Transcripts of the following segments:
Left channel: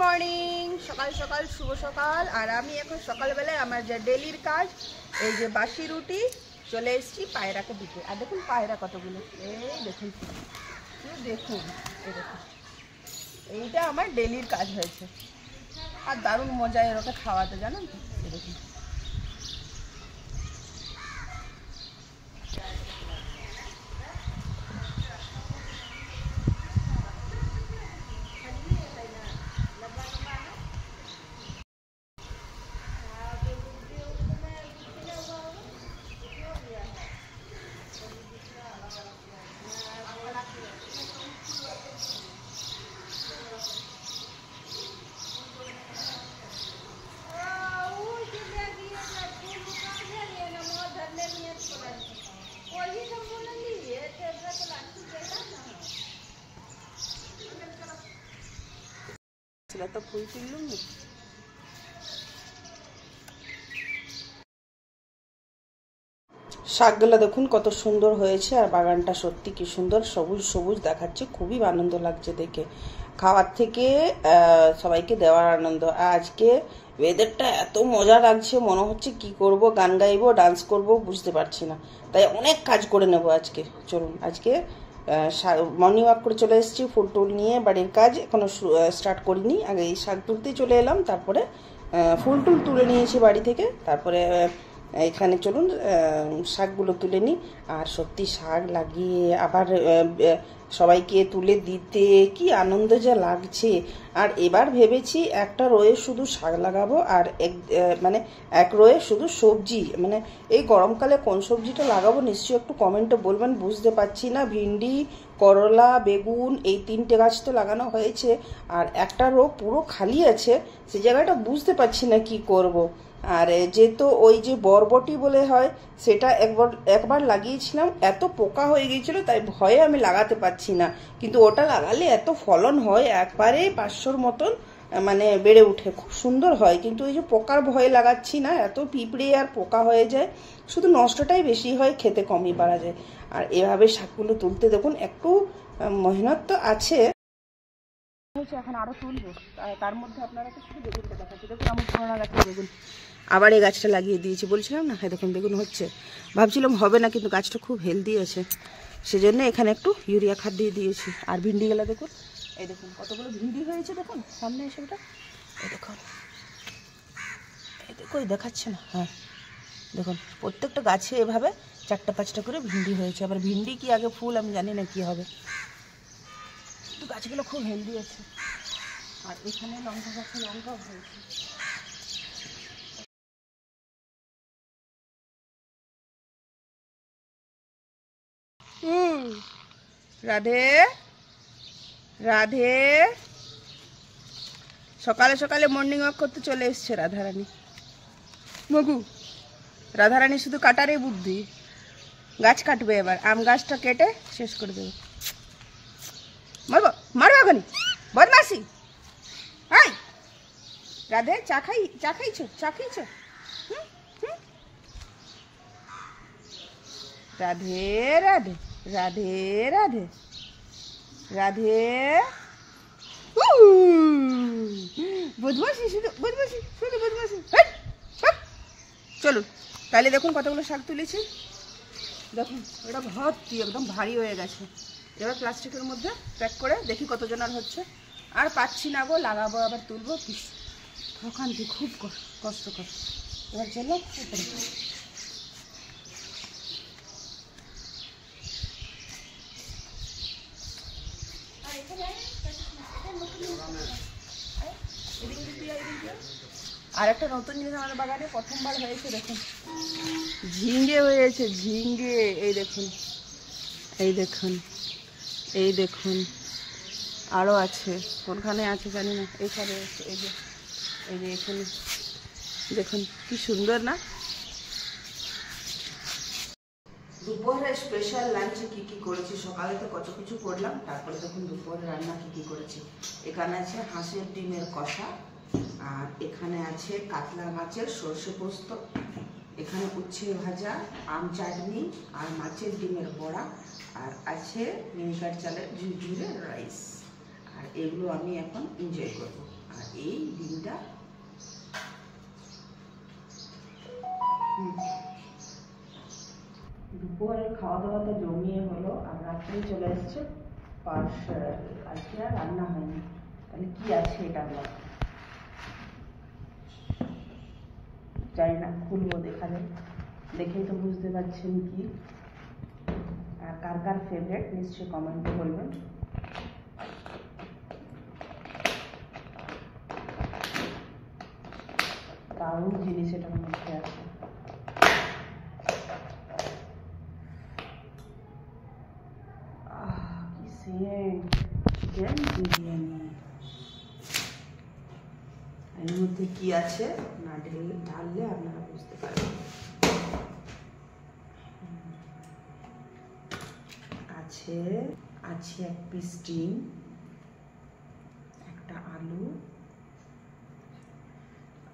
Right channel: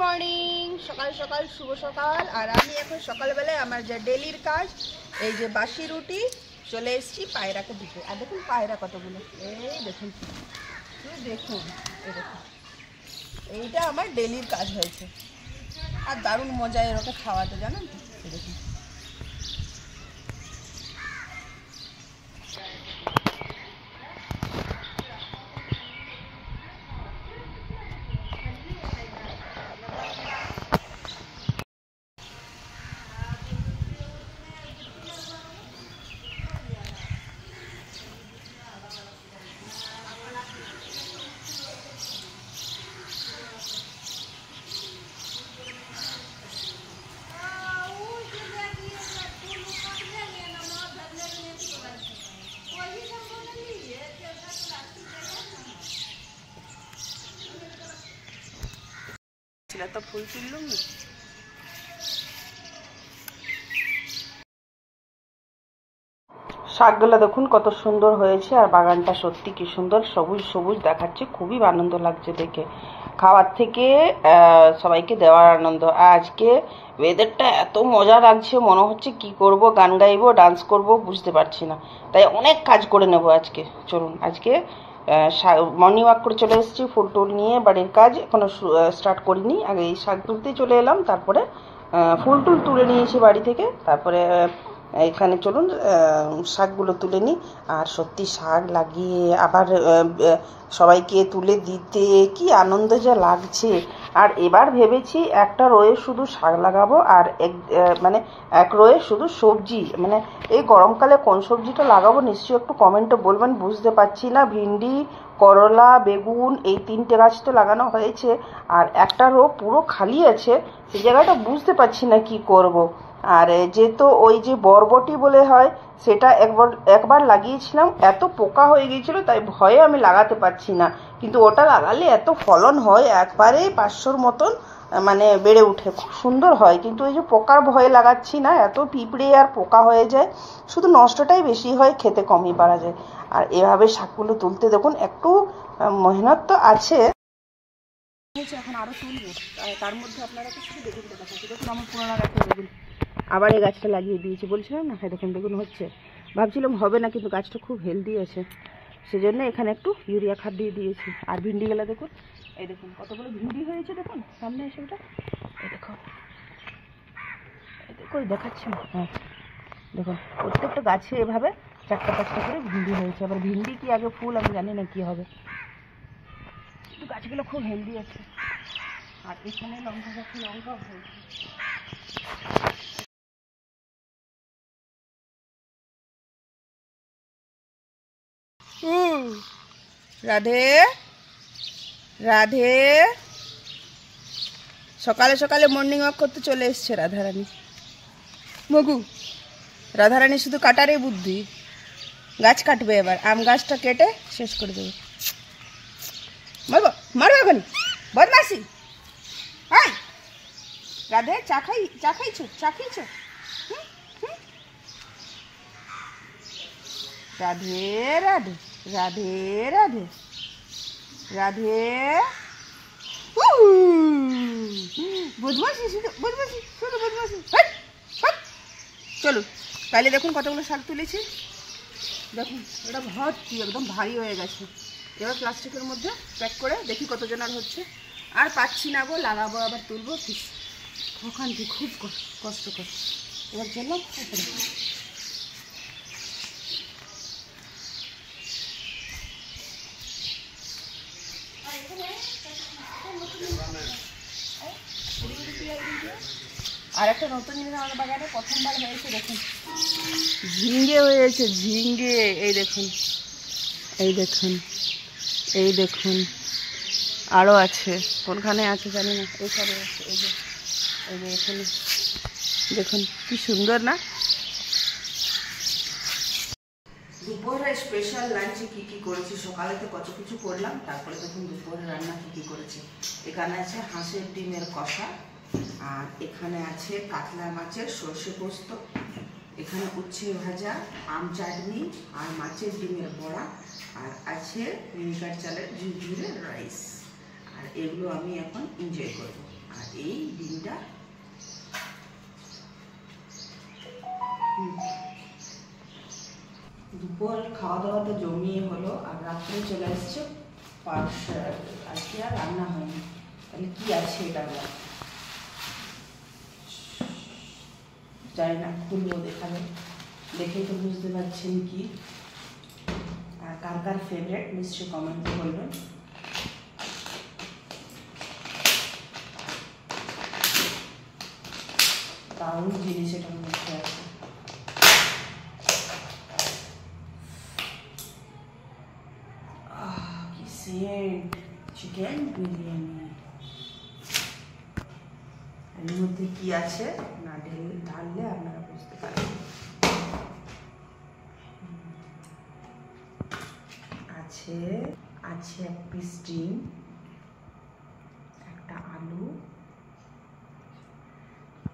Morning, সকাল সকাল শুভ সকাল। আর আমি এখন সকালবেলায় আমার যে ডেলির কাজ, এই যে বাসি রুটি চলে এসেছি পায়রাকে দিতে। আর দেখুন পায়রা কতগুলো, এই দেখুন দেখুন এই দেখুন, এইটা আমার ডেলির কাজ হয়েছে। আর দারুণ মজা এরকম খাওয়াতে, জানেন তো। এই দেখুন তো ফুল তুললুম না। শাকগুলো দেখুন কত সুন্দর হয়েছে, আর বাগানটা সত্যি কি সুন্দর সবুজ সবুজ দেখাচ্ছে। খুবই আনন্দ লাগছে দেখে, খাওয়ার থেকে সবাইকে দেওয়ার আনন্দ। আজকে ওয়েদারটা এত মজা লাগছে, মনে হচ্ছে কি করব, গান গাইবো, ডান্স করব, বুঝতে পারছি না। তাই অনেক কাজ করে নেব আজকে। চলুন, আজকে মর্নিং ওয়াক করে চলে এসেছি, ফুল টুল নিয়ে। বাড়ির কাজ এখনো স্টার্ট করিনি, আগে এই শাক তুলতেই চলে এলাম, তারপরে ফুল টুল তুলে নিয়েছি বাড়ি থেকে। তারপরে এখানে চলুন শাকগুলো তুলে নিই। আর সত্যি শাক লাগিয়ে আবার সবাইকে তুলে দিতে কি আনন্দ যে লাগছে। আর এবার ভেবেছি একটা রোয়ে শুধু শাক লাগাবো, আর এক রোয়ে শুধু সবজি। মানে এই গরমকালে কোন সবজিটা লাগাবো নিশ্চয়ই একটু কমেন্টে বলবেন, বুঝতে পারছি না। ভিন্ডি, করলা, বেগুন, এই 3টে গাছ তো লাগানো হয়েছে, আর একটা রো পুরো খালি আছে, সেই জায়গাটা বুঝতে পারছি না কি করব। আর যেহেতু ওই যে বরবটি বলে হয়, সেটা একবার লাগিয়েছিলাম, এত পোকা হয়ে গিয়েছিল, তাই ভয়ে আমি লাগাতে পারছি না। কিন্তু ওটা লাগালে এত ফলন হয়, একবারে 500-র মতন মানে বেড়ে উঠে, খুব সুন্দর হয়। কিন্তু এই যে পোকার ভয়ে লাগাচ্ছি না, এত পিঁপড়ে আর পোকা হয়ে যায়, শুধু নষ্টটাই বেশি হয়, খেতে কমই পারা যায়। আর এভাবে শাকগুলো তুলতে দেখুন একটু মেহনত তো আছে, এখন আরো তুলবো। তার মধ্যে আপনারা তো শুধু বেগুনটা দেখাচ্ছি। দেখুন আমার পুরোনো একটা বেগুন, আবার এই গাছটা লাগিয়ে দিয়েছি, বলছিলাম না। হ্যাঁ দেখুন বেগুন হচ্ছে, ভাবছিলাম হবে না, কিন্তু গাছটা খুব হেলদি আছে, সেজন্য এখানে একটু ইউরিয়া খাদ দিয়ে দিয়েছি। আর ভিন্ডি গেলা দেখুন, এই দেখুন কতগুলো ভিন্ডি হয়েছে, দেখুন সামনে এসে ওটা, এই দেখুন, এই দেখুন দেখাচ্ছে না। হ্যাঁ দেখুন প্রত্যেকটা গাছে এভাবে 4টা-5টা করে ভিন্ডি হয়েছে। আবার ভিন্ডি কি আগে ফুল আমি জানি না কি হবে, কিন্তু গাছগুলো খুব হেলদি আছে। আর এখানে লঙ্কা গাছে লঙ্কাও হয়েছে। রাধে রাধে, সকালে সকালে মর্নিং ওয়াক করতে চলে এসছে রাধারানী। মগু রাধারানী শুধু কাটারে বুদ্ধি, গাছ কাটবে এবার, আম গাছটা কেটে শেষ করে দেবে। মারবো মারবো এখন, বদমাসি। হাই রাধে, চা খাইছো, চা খাইছো? রাধে রাধে রাধে রাধে রাধে। বদমাসি, শুধু বদমাসি, শুধু বদমাসি। চলুন তাহলে দেখুন কতগুলো শাক তুলেছি, দেখুন এটা ভর্তি একদম ভারী হয়ে গেছে। এবার প্লাস্টিকের মধ্যে প্যাক করে দেখি কতজন আর হচ্ছে। আর পাচ্ছি না গো, লাগাবো আবার তুলবো, অশান্তি, খুব কষ্টকর। এবার চললাম উপরে। আর একটা নতুন জিনিস আমাদের বাগানে প্রথমবার হয়েছে, দেখুন ঝিঙ্গে হয়েছে, ঝিঙ্গে। এই দেখুন, এই দেখুন, এই দেখুন, আরও আছে, কোনখানে আছে জানি না, এখানে আছে, এই যে এখানে দেখুন কি সুন্দর না। দুপুরে স্পেশাল লাঞ্চে কী কী করেছি, সকালেতে কত কিছু করলাম, তারপরে দেখুন দুপুরে রান্না কী করেছি। এখানে আছে হাঁসের ডিমের কষা, আর এখানে আছে কাতলা মাছের সর্ষে পোস্ত, এখানে উচ্ছে ভাজা, আম চাটনি, আর মাছের ডিমের বড়া, আর আছে মিনিকার চালের ঝুরঝুরে রাইস। আর এগুলো আমি এখন এনজয় করব। আর দুপুরের খাওয়া দাওয়াটা জমিয়ে হলো, আর রাত্রে চলে এসছে পার্সেল। আজকে আর রান্না হয়নি। তাহলে কি আছে এটা আমরা জানি না, খুলবো, দেখা যাবে। দেখেই তো বুঝতে পারছেন কি। আর কার কার ফেভারিট নিশ্চয়ই কমেন্টে বলবেন। দারুণ জিনিস এটার মধ্যে আছে। কি সেন্ট! চিকেন বিরিয়ানি। এর মধ্যে কি আছে না ঢাললে আপনারা বুঝতে পারবেন। আছে আছে এক পিস ডিম, একটা আলু,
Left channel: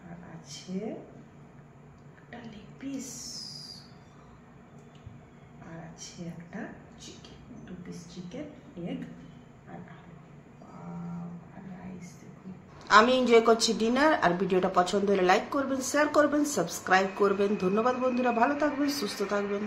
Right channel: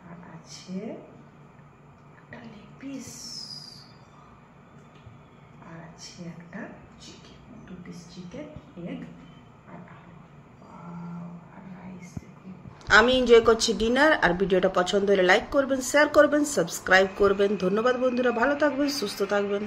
আর আছে একটা লেগ পিস, আর আছে একটা চিকেন, 2 পিস চিকেন, এগ আর আলু। আর রাইস। আমি এনজয় করছি ডিনার। আর ভিডিওটা পছন্দ হলে লাইক করবেন, শেয়ার করবেন, সাবস্ক্রাইব করবেন। ধন্যবাদ বন্ধুরা, ভালো থাকবেন, সুস্থ থাকবেন।